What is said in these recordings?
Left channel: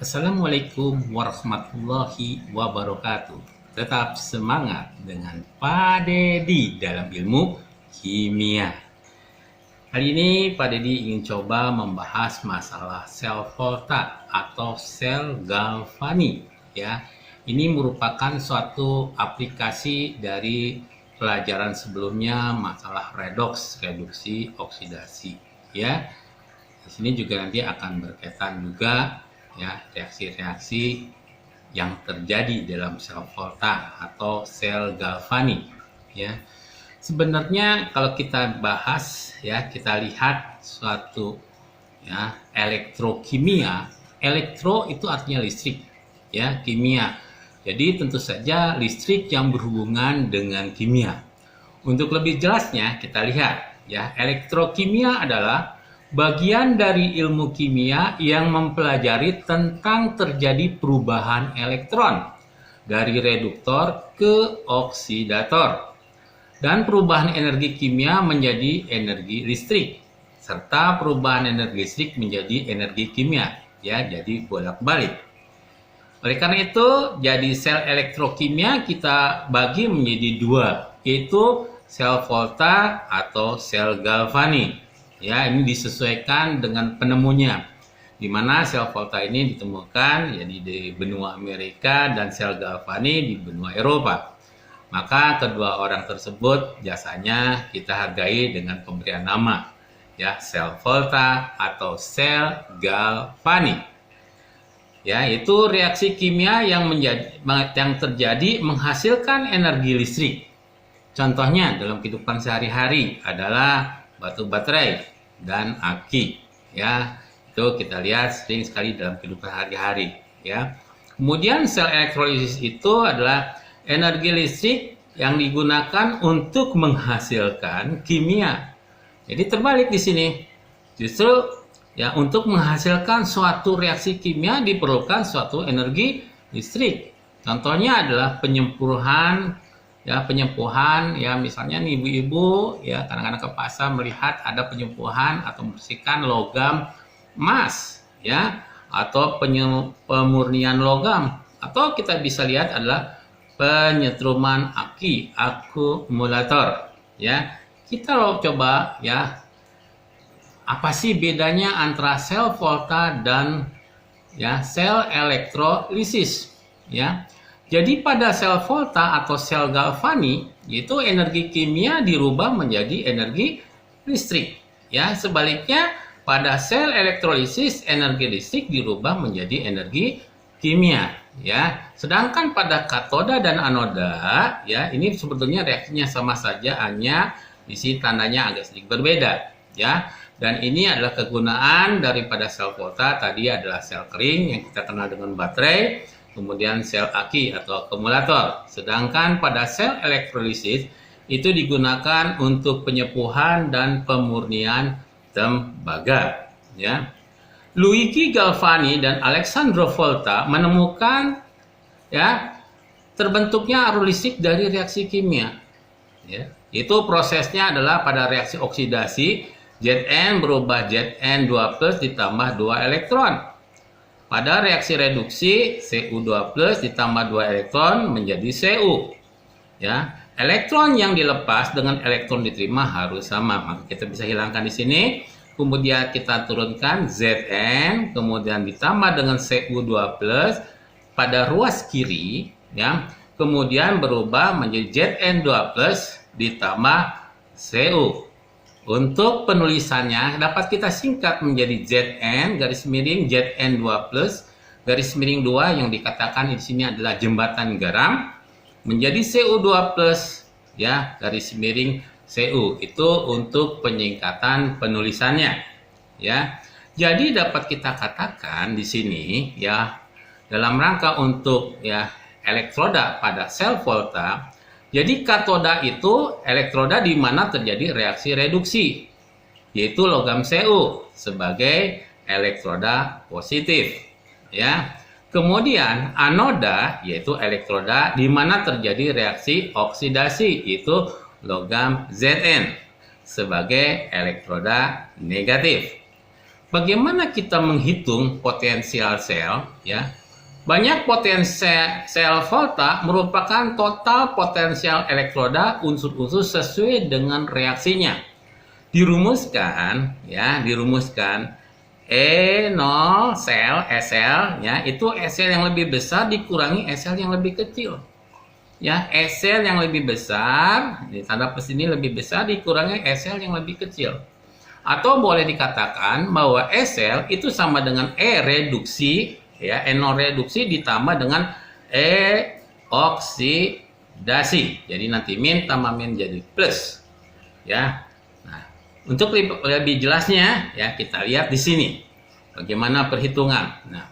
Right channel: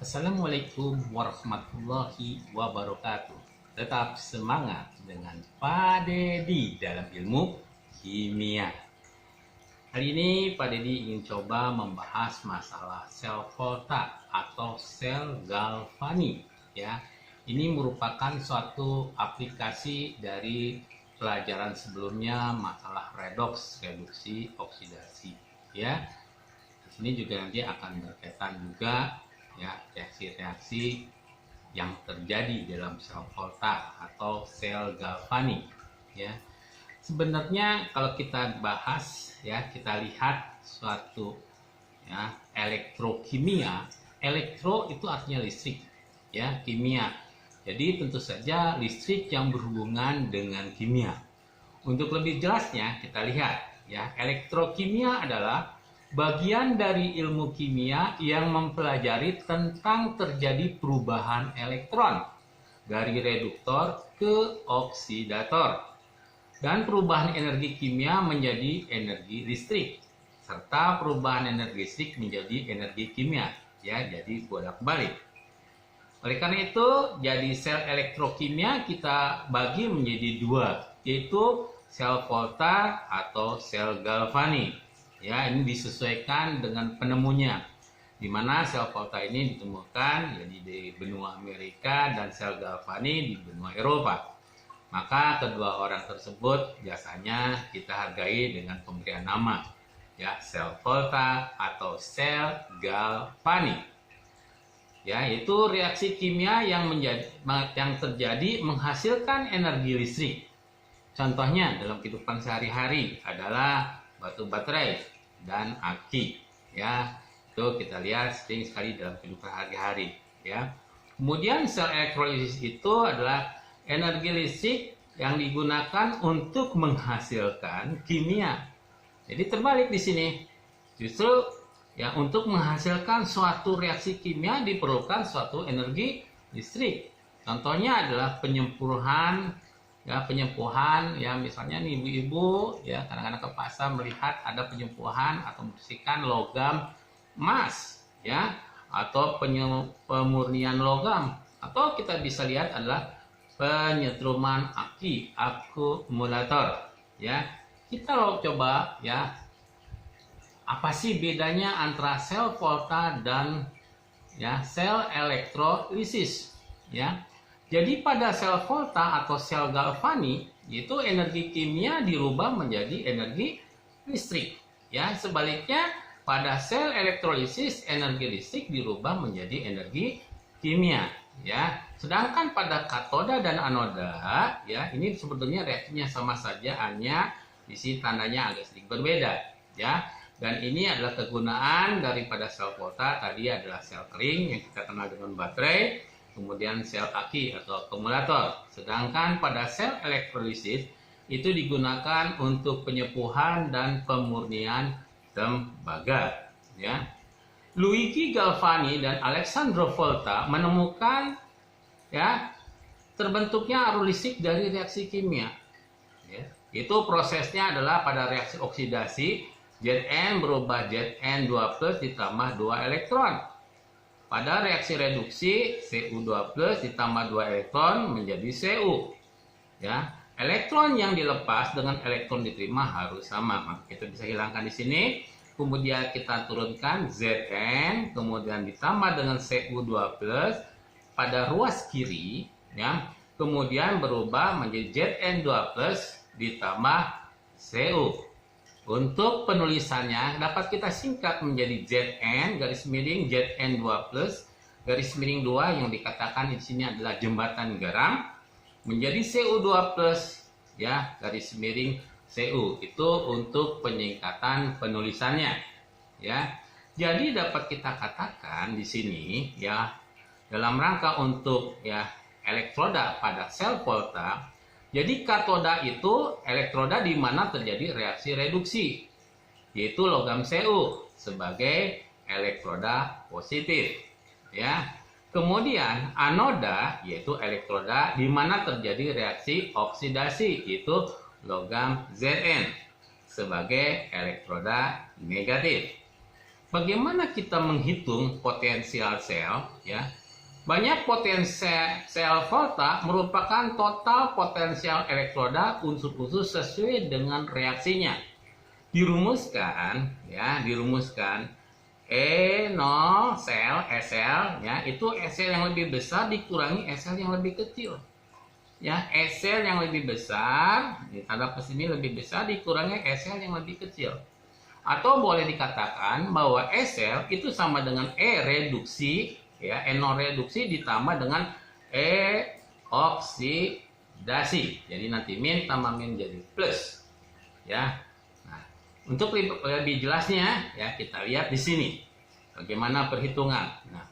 Assalamualaikum warahmatullahi wabarakatuh. Tetap semangat dengan Pak Dedi dalam ilmu kimia. Kali ini Pak Dedi ingin coba membahas masalah sel volta atau sel galvani. Ya, ini merupakan suatu aplikasi dari pelajaran sebelumnya masalah redoks, reduksi, oksidasi. Ya, di sini juga nanti akan berkaitan juga ya reaksi-reaksi yang terjadi dalam sel volta atau sel galvani ya. Sebenarnya kalau kita bahas ya, kita lihat suatu ya elektrokimia. Elektro itu artinya listrik ya, kimia. Jadi tentu saja listrik yang berhubungan dengan kimia. Untuk lebih jelasnya kita lihat ya, elektrokimia adalah bagian dari ilmu kimia yang mempelajari tentang terjadi perubahan elektron dari reduktor ke oksidator dan perubahan energi kimia menjadi energi listrik serta perubahan energi listrik menjadi energi kimia ya, jadi bolak-balik. Oleh karena itu, jadi sel elektrokimia kita bagi menjadi dua, yaitu sel volta atau sel galvani. Ya, ini disesuaikan dengan penemunya, di mana sel volta ini ditemukan ya di benua Amerika dan sel galvani di benua Eropa. Maka kedua orang tersebut jasanya kita hargai dengan pemberian nama ya, sel volta atau sel galvani. Ya, itu reaksi kimia yang terjadi menghasilkan energi listrik. Contohnya dalam kehidupan sehari-hari adalah batu baterai dan aki ya, itu kita lihat sering sekali dalam kehidupan sehari-hari ya. Kemudian sel elektrolisis itu adalah energi listrik yang digunakan untuk menghasilkan kimia. Jadi terbalik di sini, justru ya untuk menghasilkan suatu reaksi kimia diperlukan suatu energi listrik. Contohnya adalah penyempuhan ya, misalnya nih ibu-ibu ya kadang-kadang ke pasar melihat ada penyempuhan atau membersihkan logam emas ya, atau pemurnian logam, atau kita bisa lihat adalah penyetruman aki, akumulator ya. Kita coba ya, apa sih bedanya antara sel volta dan ya sel elektrolisis ya. Jadi pada sel volta atau sel galvani itu energi kimia dirubah menjadi energi listrik ya. Sebaliknya pada sel elektrolisis energi listrik dirubah menjadi energi kimia ya. Sedangkan pada katoda dan anoda ya, ini sebetulnya reaksinya sama saja, hanya di sini tandanya agak sedikit berbeda ya. Dan ini adalah kegunaan daripada sel volta, tadi adalah sel kering yang kita kenal dengan baterai, kemudian sel aki atau akumulator. Sedangkan pada sel elektrolisis itu digunakan untuk penyepuhan dan pemurnian tembaga ya. Luigi Galvani dan Alessandro Volta menemukan ya terbentuknya arus listrik dari reaksi kimia ya. Itu prosesnya adalah pada reaksi oksidasi, Zn berubah Zn2+ ditambah 2 elektron. Pada reaksi reduksi, Cu2+ ditambah 2 elektron menjadi Cu. Ya, elektron yang dilepas dengan elektron diterima harus sama. Maka kita bisa hilangkan di sini. Kemudian kita turunkan Zn, kemudian ditambah dengan Cu2+ pada ruas kiri, ya. Kemudian berubah menjadi Zn2+ ditambah Cu. Untuk penulisannya dapat kita singkat menjadi Zn garis miring Zn2+ garis miring 2 yang dikatakan di sini adalah jembatan garam menjadi Cu2+ ya garis miring Cu. Itu untuk penyingkatan penulisannya ya. Jadi dapat kita katakan di sini ya, dalam rangka untuk ya elektroda pada sel volta, jadi katoda itu elektroda di mana terjadi reaksi reduksi, yaitu logam Cu sebagai elektroda positif ya. Kemudian anoda yaitu elektroda di mana terjadi reaksi oksidasi, yaitu logam Zn sebagai elektroda negatif. bagaimana kita menghitung potensial sel, ya? Banyak potensial sel volta merupakan total potensial elektroda unsur-unsur sesuai dengan reaksinya. Dirumuskan E0 sel SL, ya, itu SL yang lebih besar dikurangi SL yang lebih kecil. Ya, SL yang lebih besar, di tanda plus ini lebih besar dikurangi SL yang lebih kecil. Atau boleh dikatakan bahwa SL itu sama dengan E reduksi, ya, E0 reduksi ditambah dengan E oksidasi. Jadi nanti min tambah min jadi plus. Ya. Nah, untuk lebih jelasnya, ya, kita lihat di sini bagaimana perhitungan. Nah,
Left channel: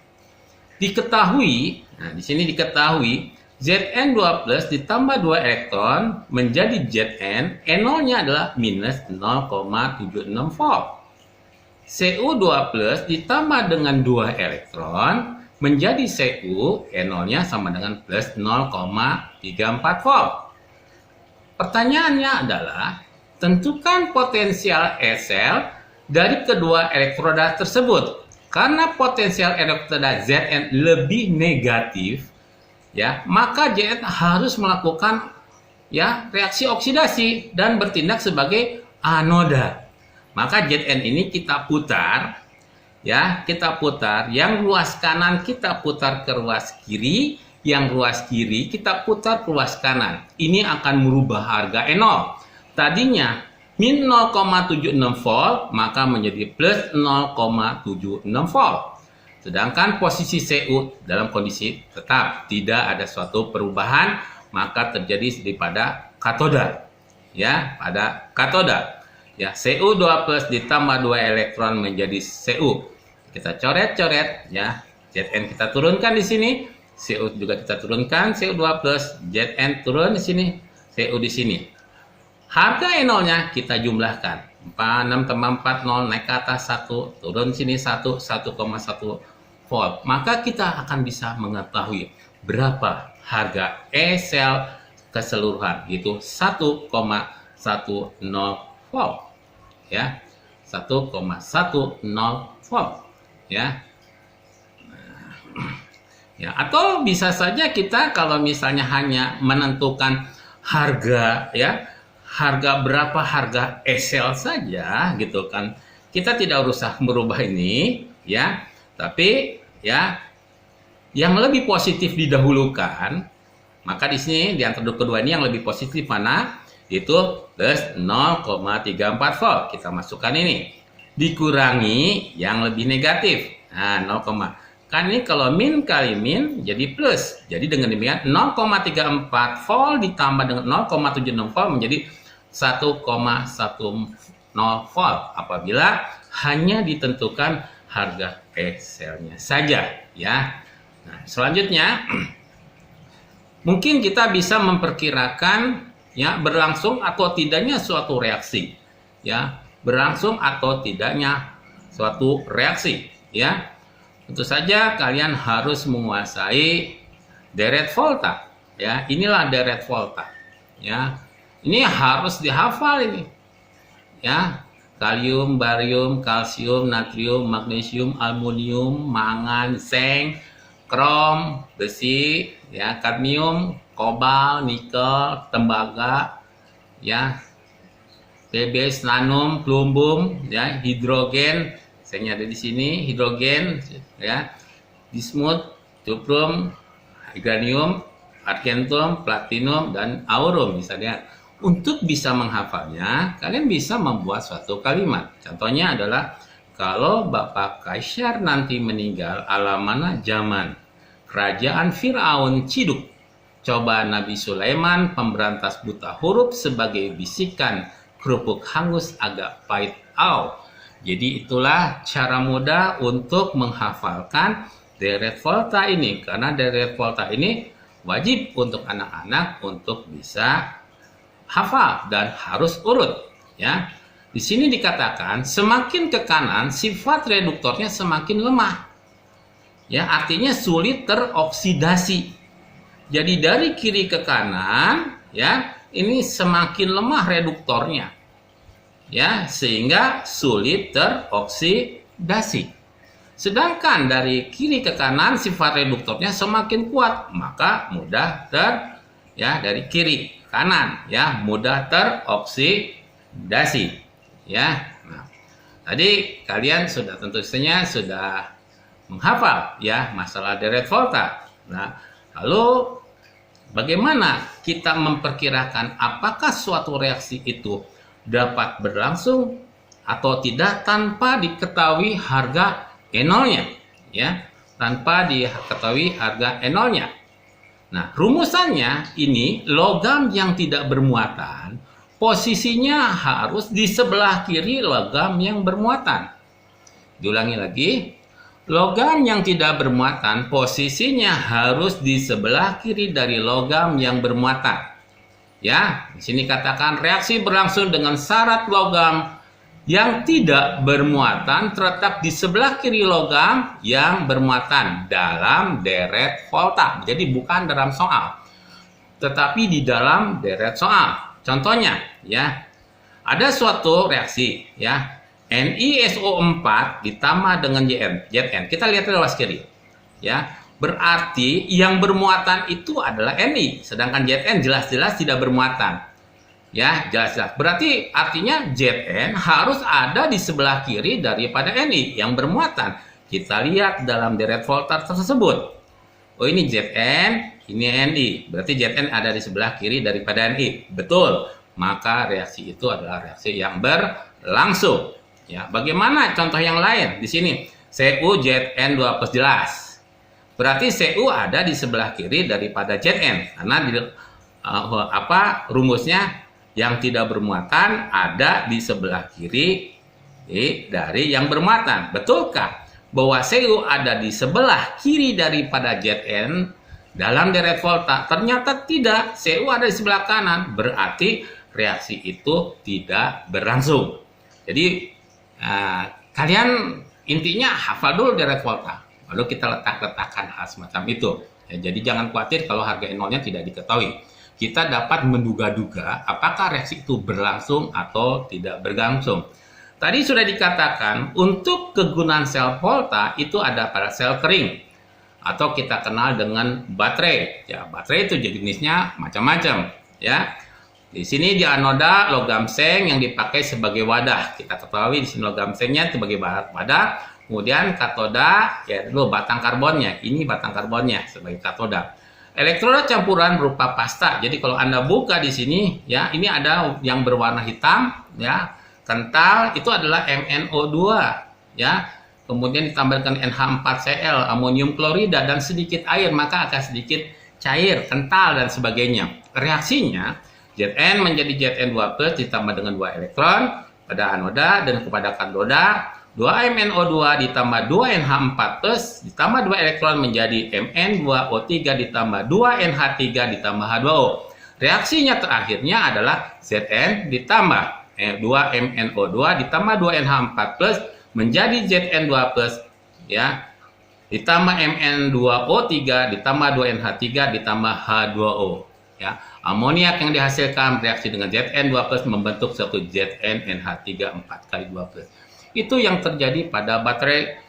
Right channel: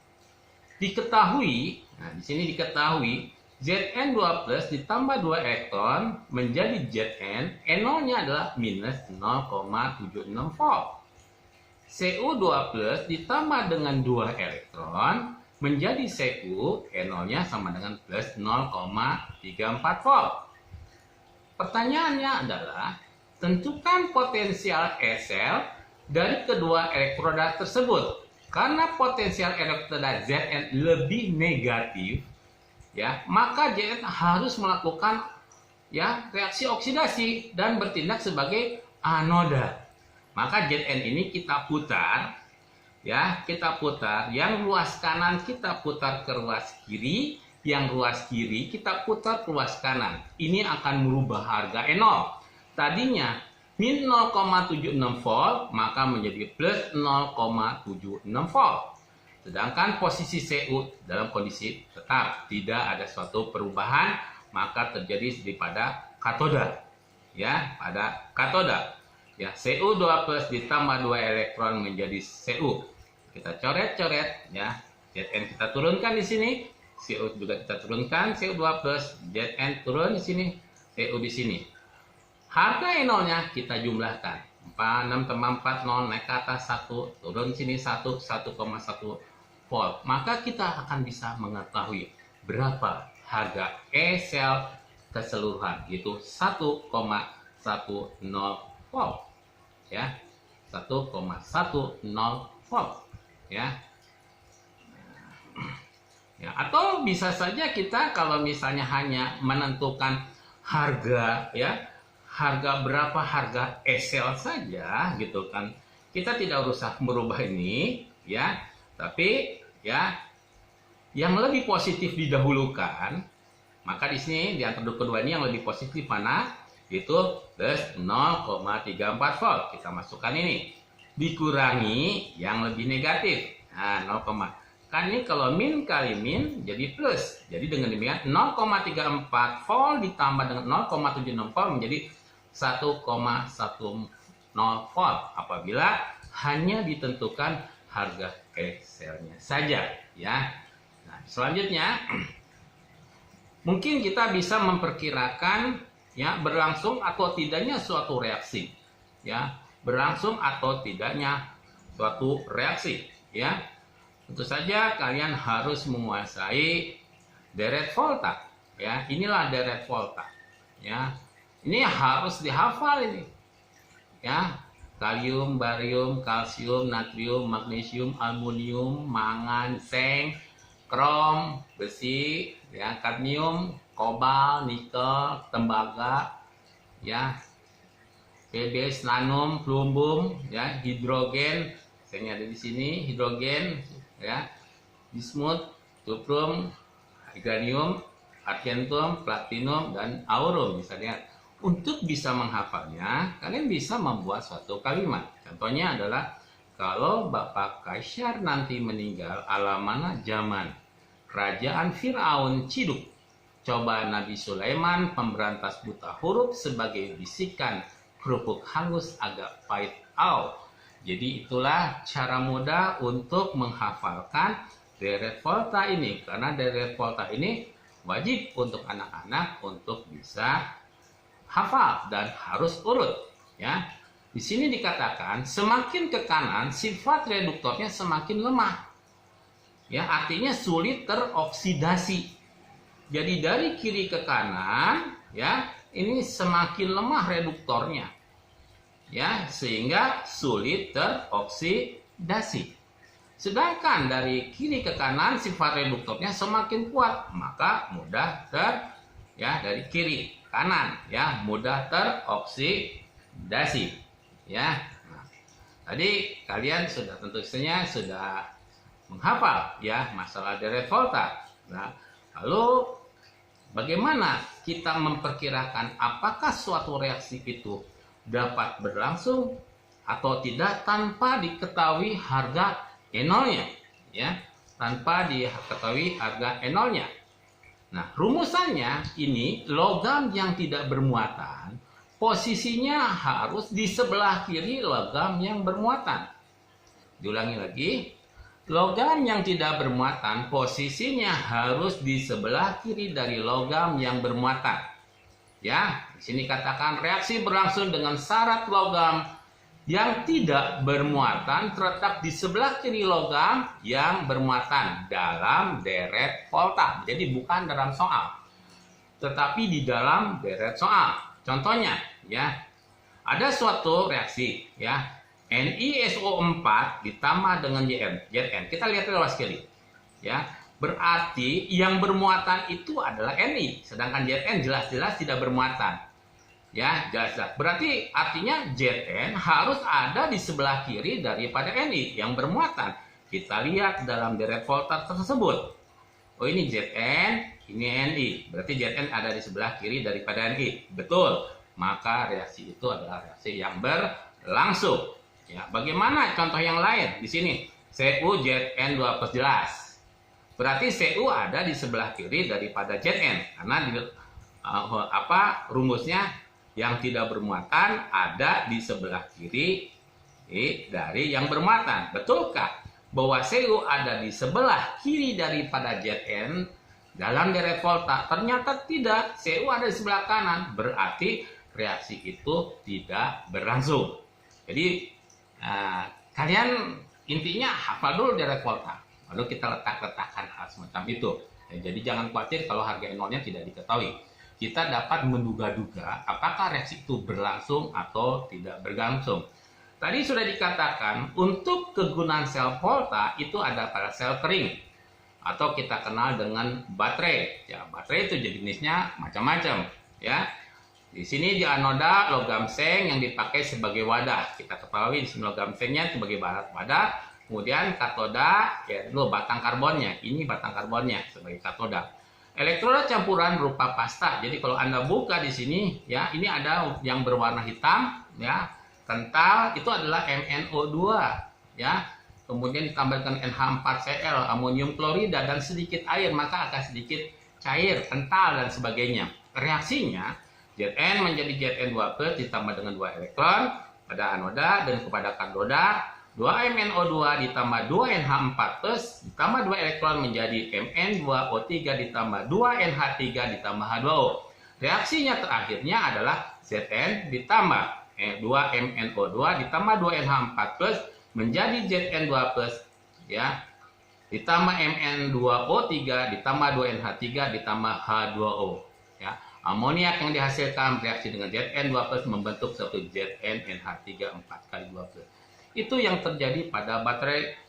di sini diketahui Zn2 plus ditambah 2 elektron menjadi Zn, E0-nya adalah minus 0,76 volt. Cu2 plus ditambah dengan 2 elektron menjadi Cu, E0-nya sama dengan plus 0,34 volt. Pertanyaannya adalah, tentukan potensial SL dari kedua elektroda tersebut. Karena potensial elektroda Zn lebih negatif, ya, maka Zn harus melakukan, ya, reaksi oksidasi dan bertindak sebagai anoda. Maka Zn ini kita putar, ya, yang ruas kanan kita putar ke ruas kiri, yang ruas kiri kita putar ke ruas kanan. Ini akan merubah harga E0. Tadinya min 0,76 volt, maka menjadi plus 0,76 volt. Sedangkan posisi Cu dalam kondisi tetap, tidak ada suatu perubahan, maka terjadi pada katoda. Ya, pada katoda. Ya, Cu2 plus ditambah 2 elektron menjadi Cu. Kita coret-coret, ya. Zn kita turunkan di sini, Cu juga kita turunkan, Cu2 plus, Zn turun di sini, Cu di sini. Harga E0-nya kita jumlahkan. 6 tambah 4, 0, naik ke atas 1, turun sini 1, 1,1 volt. Maka kita akan bisa mengetahui berapa harga E-sel keseluruhan, yaitu 1,10 volt. Ya, 1,10 volt. Ya. Ya, atau bisa saja kita kalau misalnya hanya menentukan harga, ya, berapa harga E-sel saja gitu kan, kita tidak usah merubah ini, ya, tapi, ya, yang lebih positif didahulukan. Maka di sini di antara kedua ini yang lebih positif mana? Itu plus 0,34 volt. Kita masukkan ini, dikurangi yang lebih negatif. Nah, 0, kan ini kalau min kali min jadi plus. Jadi dengan demikian 0,34 volt ditambah dengan 0,76 volt menjadi 1,10 volt apabila hanya ditentukan harga E-selnya saja, ya. Nah, selanjutnya mungkin kita bisa memperkirakan, ya, berlangsung atau tidaknya suatu reaksi, ya, berlangsung atau tidaknya suatu reaksi, ya. Tentu saja kalian harus menguasai deret volta, ya. Inilah deret volta, ya. Ini harus dihafal ini, ya. Kalium, barium, kalsium, natrium, magnesium, aluminium, mangan, seng, krom, besi, ya, kadmium, kobal, nikel, tembaga, ya, TBS, nanum, plumbum, ya, hidrogen, sengnya ada di sini, hidrogen, ya, bismut, cuprum, uranium, argentum, platinum, dan aurum. Bisa lihat. Untuk bisa menghafalnya, kalian bisa membuat suatu kalimat. Contohnya adalah, kalau Bapak Kaisar nanti meninggal ala mana zaman kerajaan Fir'aun ciduk, coba Nabi Sulaiman pemberantas buta huruf sebagai bisikan kerupuk hangus agak pahit au. Jadi itulah cara mudah untuk menghafalkan deret volta ini, karena deret volta ini wajib untuk anak-anak untuk bisa hafal dan harus urut, ya. Di sini dikatakan semakin ke kanan sifat reduktornya semakin lemah, ya, artinya sulit teroksidasi. Jadi dari kiri ke kanan, ya, ini semakin lemah reduktornya, ya, sehingga sulit teroksidasi. oksidasi. Sedangkan dari kiri ke kanan sifat reduktornya semakin kuat, maka mudah dari kiri ke kanan ya, mudah teroksidasi ya. Nah, tadi kalian tentu saja sudah menghafal ya masalah deret volta. Nah, lalu bagaimana kita memperkirakan apakah suatu reaksi itu dapat berlangsung atau tidak tanpa diketahui harga E0-nya ya, tanpa diketahui harga E0-nya. Nah, rumusannya ini logam yang tidak bermuatan posisinya harus di sebelah kiri logam yang bermuatan. Diulangi lagi, logam yang tidak bermuatan posisinya harus di sebelah kiri dari logam yang bermuatan. Ya, di sini katakan reaksi berlangsung dengan syarat logam yang tidak bermuatan terletak di sebelah kiri logam yang bermuatan dalam deret volta. Jadi bukan dalam soal, tetapi di dalam deret soal. Contohnya ya, ada suatu reaksi ya, NiSO4 ditambah dengan Zn. Kita lihat lewat kiri ya. Berarti yang bermuatan itu adalah Ni, sedangkan Zn jelas-jelas tidak bermuatan. Ya, jelas-jelas. Berarti artinya Zn harus ada di sebelah kiri daripada Ni yang bermuatan. Kita lihat dalam deret volta tersebut. Oh, ini Zn, ini Ni. Berarti Zn ada di sebelah kiri daripada Ni. Betul. Maka reaksi itu adalah reaksi yang berlangsung. Ya, bagaimana contoh yang lain? Di sini CuZn2+ jelas. Berarti Cu ada di sebelah kiri daripada Zn karena rumusnya yang tidak bermuatan ada di sebelah kiri dari yang bermuatan. Betulkah bahwa Cu ada di sebelah kiri daripada Zn dalam deret volta? Ternyata tidak. Cu ada di sebelah kanan. Berarti reaksi itu tidak berlangsung. Jadi kalian intinya hafal dulu deret volta. Lalu kita letakkan hal semacam itu. Ya, jadi jangan khawatir kalau harga E0-nya tidak diketahui. Kita dapat menduga-duga apakah reaksi itu berlangsung atau tidak berlangsung. Tadi sudah dikatakan untuk kegunaan sel volta itu ada pada sel kering atau kita kenal dengan baterai. Ya, baterai itu jenisnya macam-macam. Ya, di sini di anoda logam seng yang dipakai sebagai wadah. Kita ketahui di sini logam sengnya sebagai wadah. Kemudian katoda ya dulu batang karbonnya. Ini batang karbonnya sebagai katoda. Elektroda campuran berupa pasta. Jadi kalau Anda buka di sini ya, ini ada yang berwarna hitam ya, kental, itu adalah MnO2 ya. Kemudian ditambahkan NH4Cl, amonium klorida dan sedikit air, maka akan sedikit cair, kental dan sebagainya. Reaksinya Zn menjadi Zn2+ ditambah dengan 2 elektron pada anoda dan kepada katoda 2MnO2 ditambah 2NH4+ ditambah 2 elektron menjadi Mn2O3 ditambah 2NH3 ditambah H2O. Reaksinya terakhirnya adalah Zn ditambah 2MnO2 ditambah 2NH4+ menjadi Zn2+ ya, ditambah Mn2O3 ditambah 2NH3 ditambah H2O ya. Amoniak yang dihasilkan bereaksi dengan Zn2+ membentuk satu ZnNH3 4 kali 2+. Itu yang terjadi pada baterai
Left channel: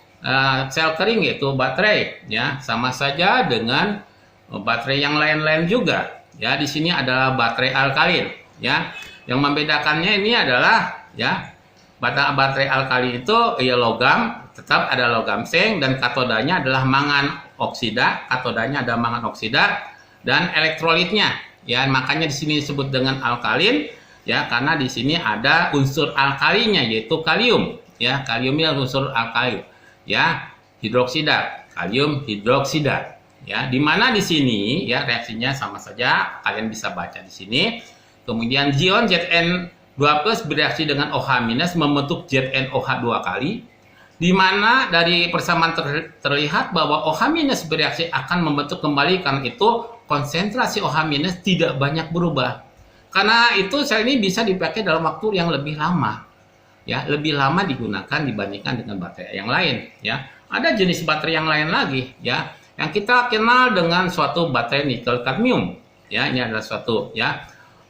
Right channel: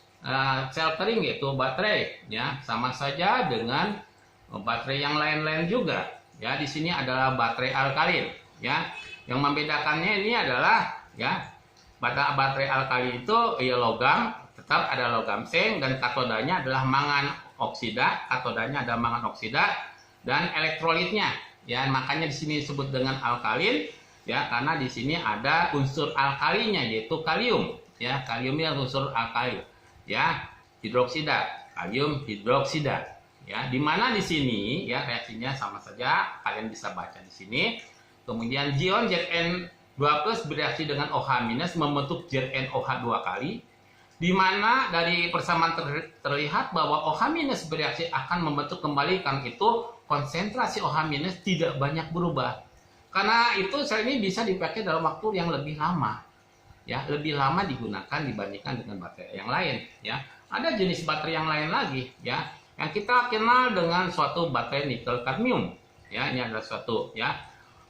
sel kering, yaitu baterai ya, sama saja dengan baterai yang lain-lain juga ya. Di sini adalah baterai alkalin ya. Yang membedakannya ini adalah ya, baterai alkalin itu ya logam, tetap ada logam seng dan katodanya adalah mangan oksida, katodanya ada mangan oksida dan elektrolitnya ya, makanya di sini disebut dengan alkalin ya, karena di sini ada unsur alkalinya yaitu kalium. Ya, kaliumnya unsur alkali ya, hidroksida, kalium hidroksida ya, di mana di sini ya reaksinya sama saja, kalian bisa baca di sini. Kemudian ion Zn2+ bereaksi dengan OH- membentuk ZnOH 2 kali, di mana dari persamaan terlihat bahwa OH- bereaksi akan membentuk kembali, karena itu konsentrasi OH- tidak banyak berubah. Karena itu sel ini bisa dipakai dalam waktu yang lebih lama. Ya, lebih lama digunakan dibandingkan dengan baterai yang lain ya. Ada jenis baterai yang lain lagi ya, yang kita kenal dengan suatu baterai nikel kadmium ya. Ini adalah suatu ya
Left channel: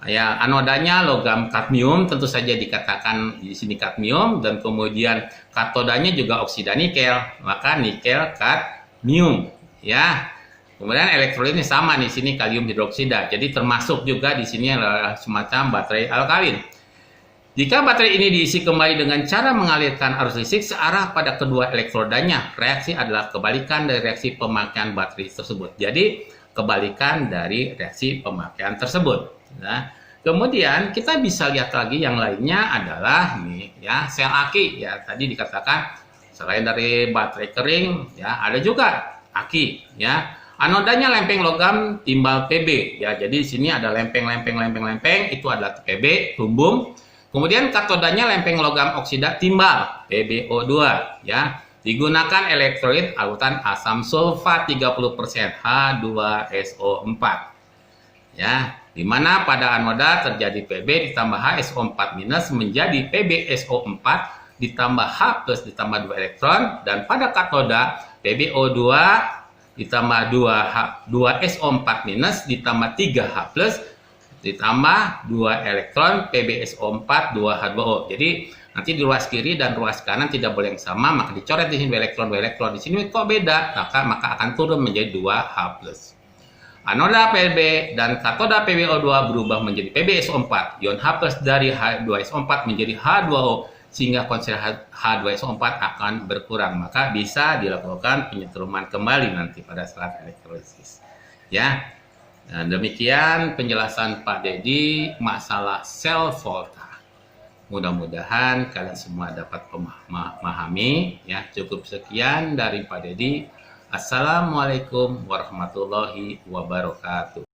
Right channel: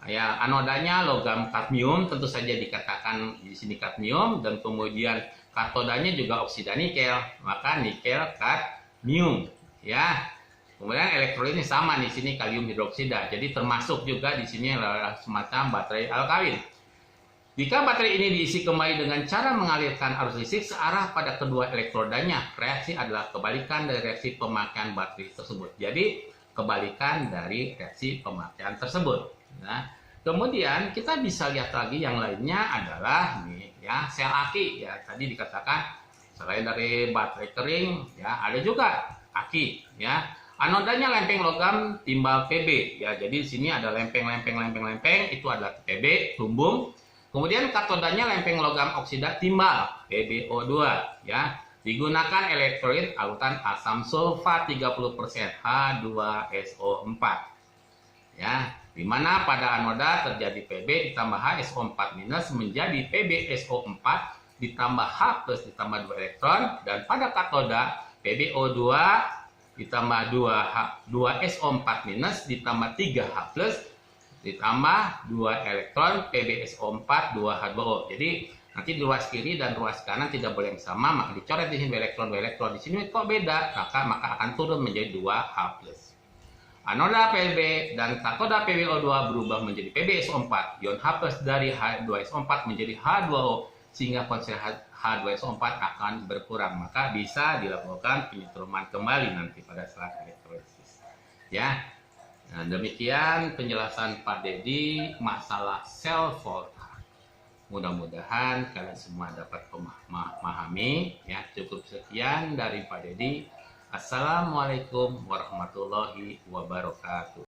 Ya, anodanya logam kadmium, tentu saja dikatakan di sini kadmium, dan kemudian katodanya juga oksida nikel, maka nikel kadmium, ya. Kemudian elektrolitnya sama di sini kalium hidroksida. Jadi termasuk juga di sini adalah semacam baterai alkalin. Jika baterai ini diisi kembali dengan cara mengalirkan arus listrik searah pada kedua elektrodanya, reaksi adalah kebalikan dari reaksi pemakaian baterai tersebut. Jadi kebalikan dari reaksi pemakaian tersebut. Nah, kemudian kita bisa lihat lagi yang lainnya adalah nih ya, sel aki ya, tadi dikatakan selain dari baterai kering ya ada juga aki ya. Anodanya lempeng logam timbal Pb ya. Jadi di sini ada lempeng itu adalah Pb lumbung. Kemudian katodanya lempeng logam oksida timbal PbO2 ya. Digunakan elektrolit larutan asam sulfat 30% H2SO4 ya, dimana pada anoda terjadi Pb ditambah HSO4 minus menjadi PbSO4 ditambah H plus ditambah 2 elektron, dan pada katoda PbO2 ditambah 2SO4 minus ditambah 3H plus ditambah 2 elektron PbSO4 2H2O. Jadi nanti di ruas kiri dan ruas kanan tidak boleh yang sama, maka dicoret di sini 2 elektron, di sini kok beda, maka akan turun menjadi 2H plus. Anoda Pb dan katoda PbO2 berubah menjadi PbSO4. Ion H plus dari H2SO4 menjadi H2O sehingga konsentrasi H2SO4 akan berkurang. Maka bisa dilakukan penyetruman kembali nanti pada saat elektrolisis. Ya. Nah, demikian penjelasan Pak Dedi masalah sel volta. Mudah-mudahan kalian semua dapat memahami ya. Cukup sekian dari Pak Dedi. Assalamualaikum warahmatullahi wabarakatuh.